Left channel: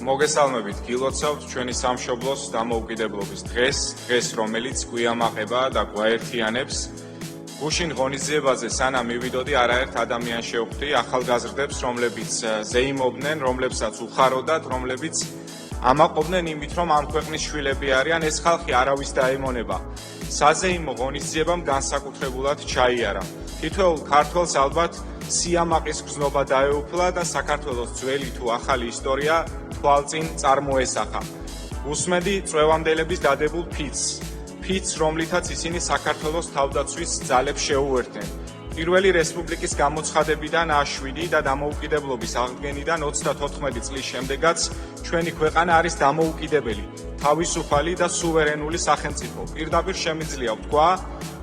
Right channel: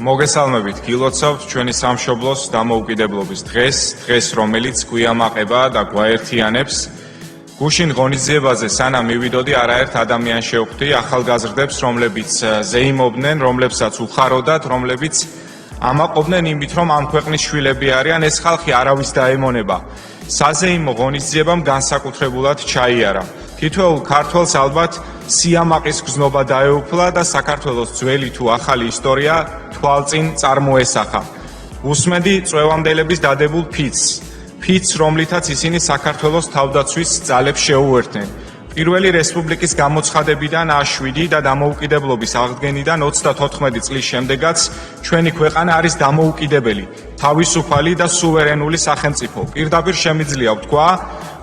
მოგესალმებით, გილოცავთ ჩვენი სამშობლოს დამოუკიდებლობის დღეს, რომელიც გვიამაყება და გვაერთიანებს. გუშინ ღონისძიებაზე სანამ მივიდოდი, არაერთ ადამიანს შევხვდი, ახალგაზრდებს, რომლებიც ზეიმობდნენ, რომლებსაც უხაროდათ, რომლებიც ამაყობდნენ იმით, რომ ამ ქვეყნის შვილები არიან, ეს ხალხი არავის დაემონება. საზეიმო ღონისძიებამ განსაკუთრებულად ჩაიარა. თითოეულ ქართველს ალბათ სიამაყის გზნობა დაეუფლა და საქართველოს ძველი თუ ახალი ისტორია თვალწინ წარმოესახა. უსმენდი წვევამდელების დადებულ ფიცს, რომლითაც ისინი საქართველოს თავდაცვის ძალებს შეუერთდნენ. პირველი რესპუბლიკის გამოცხადებიდან 7 და დამოუკიდებლობის აღდგენიდან 34 წლის შემდეგაც ჩვენი ქვეყანა არის დამოუკიდებელი, თავისუფალი და სუვერენული სახელმწიფო. პირდაპირ შემიძლია ვთქვა,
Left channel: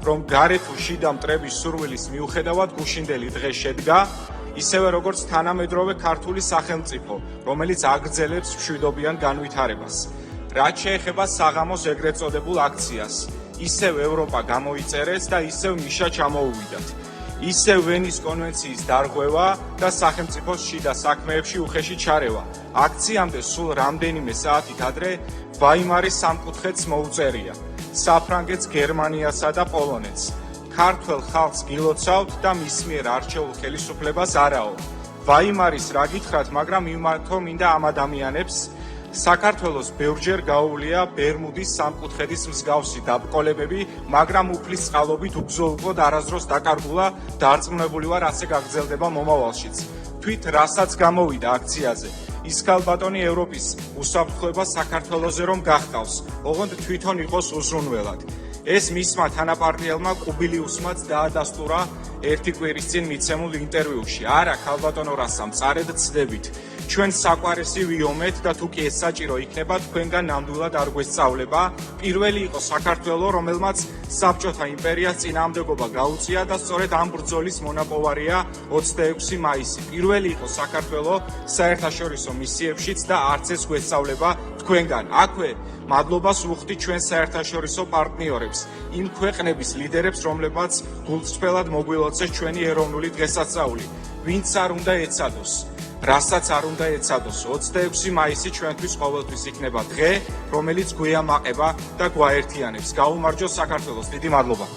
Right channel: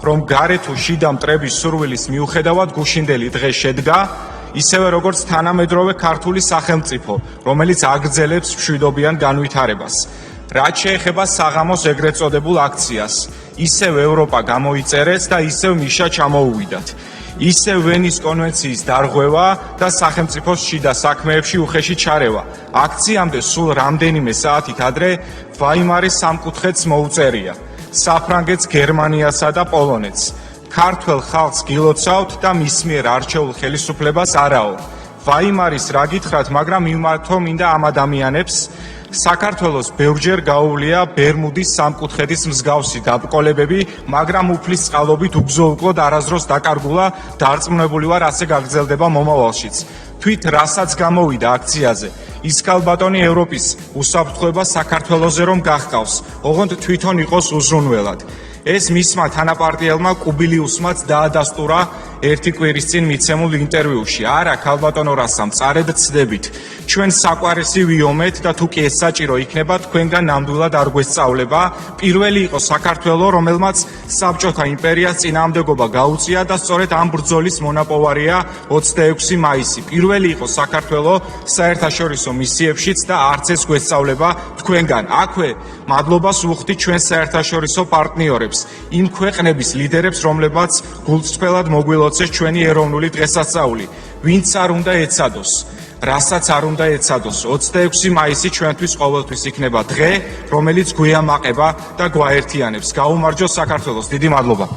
რომ გარე თუ შიდა მტრების სურვილის მიუხედავად გუშინდელი დღე შედგა, ისევე როგორც თანამედროვე ქართული სახელმწიფო, რომელიც აგრძელებს მშვიდობიან განვითარებას. რაც შეეხება საღამოს ეგრეთ წოდებულ აქციას, ისევ ევროპა გამოიწერეს და ისევ ნიშა ჩამოუვიდათ. ისევ ვენის კონვენციის დარღვევა და სახელმწიფოს შიდა საქმეებში უხეში ჩარევა. აქციამდე სულ რამდენიმე საათით ადრე ვაიმარის სამკუთხედს მოუწერია. საფრანგეთს, გერმანიასა და პოლონეთს. ქართველ ხალხს გილოცავთ და მის მიერ არჩეულ ხელისუფლებას არაო. ვაიმარის რა გითხრათ, მაგრამ მიმართო მინდა ამ ადამიანებს. საქართველოს ბევრჯერ გაუვლია ბერმუდის სამკუთხედის მსგავსი დაბრკოლებები, მაგრამ უფლის წყალობით უგზო-უკვლოდ არასდროს დაკარგულა, დარწმუნებული ვარ, ასე გაგრძელდება მომავალშიც. თვით რასაც გამოვიდა აქციაზე, ის ქალბატონი ევროპის უსაფრთხოება საქართველოზე რომ გახყავს, ოღონდ თვითონ იყოს უზრუნველად. ეს მისმა თანაპარტიელმა კუბილიუსმაც დაადასტურა ერთი კვირის წინ მიცემულ ინტერვიუში. არა, ქალბატონო რასამ, წარედ ცდებით. ჩვენ საყვარისი ვიომეთ და თუ კი ეს საჭირო იქნება, თქვენგან ნამდვილად არ გვესწავლება. პირველი იყო საქართველო, რომელმაც საბჭოთა იმპერიას წინააღმდეგობა გაუწია და სწორედ ამ ბრძოლის მონაპოვარია 26 მაისი. პირველი იყო საქართველო საერთაშორისო მისიებშიც და არც ეს გვესწავლება თქვენგან. აქვე მადლობას ვუხდი ჩვენ საერთაშორისო პარტნიორებს, იმ ქვეყნების ლიდერებს, რომლებმაც გულწრფელად მოგვილოცეს ჩვენი ეროვნული დღესასწაული. ვინც არ უნდა ეცადოს, რასაც არ უნდა ეცადოს, 26 მაისი ჩვენთვის ყოველთვის იქნება დღე, რომელიც გვიამაყება და გვაერთიანებს. გაუმარჯოს საქართველოს, დიდი მადლობა.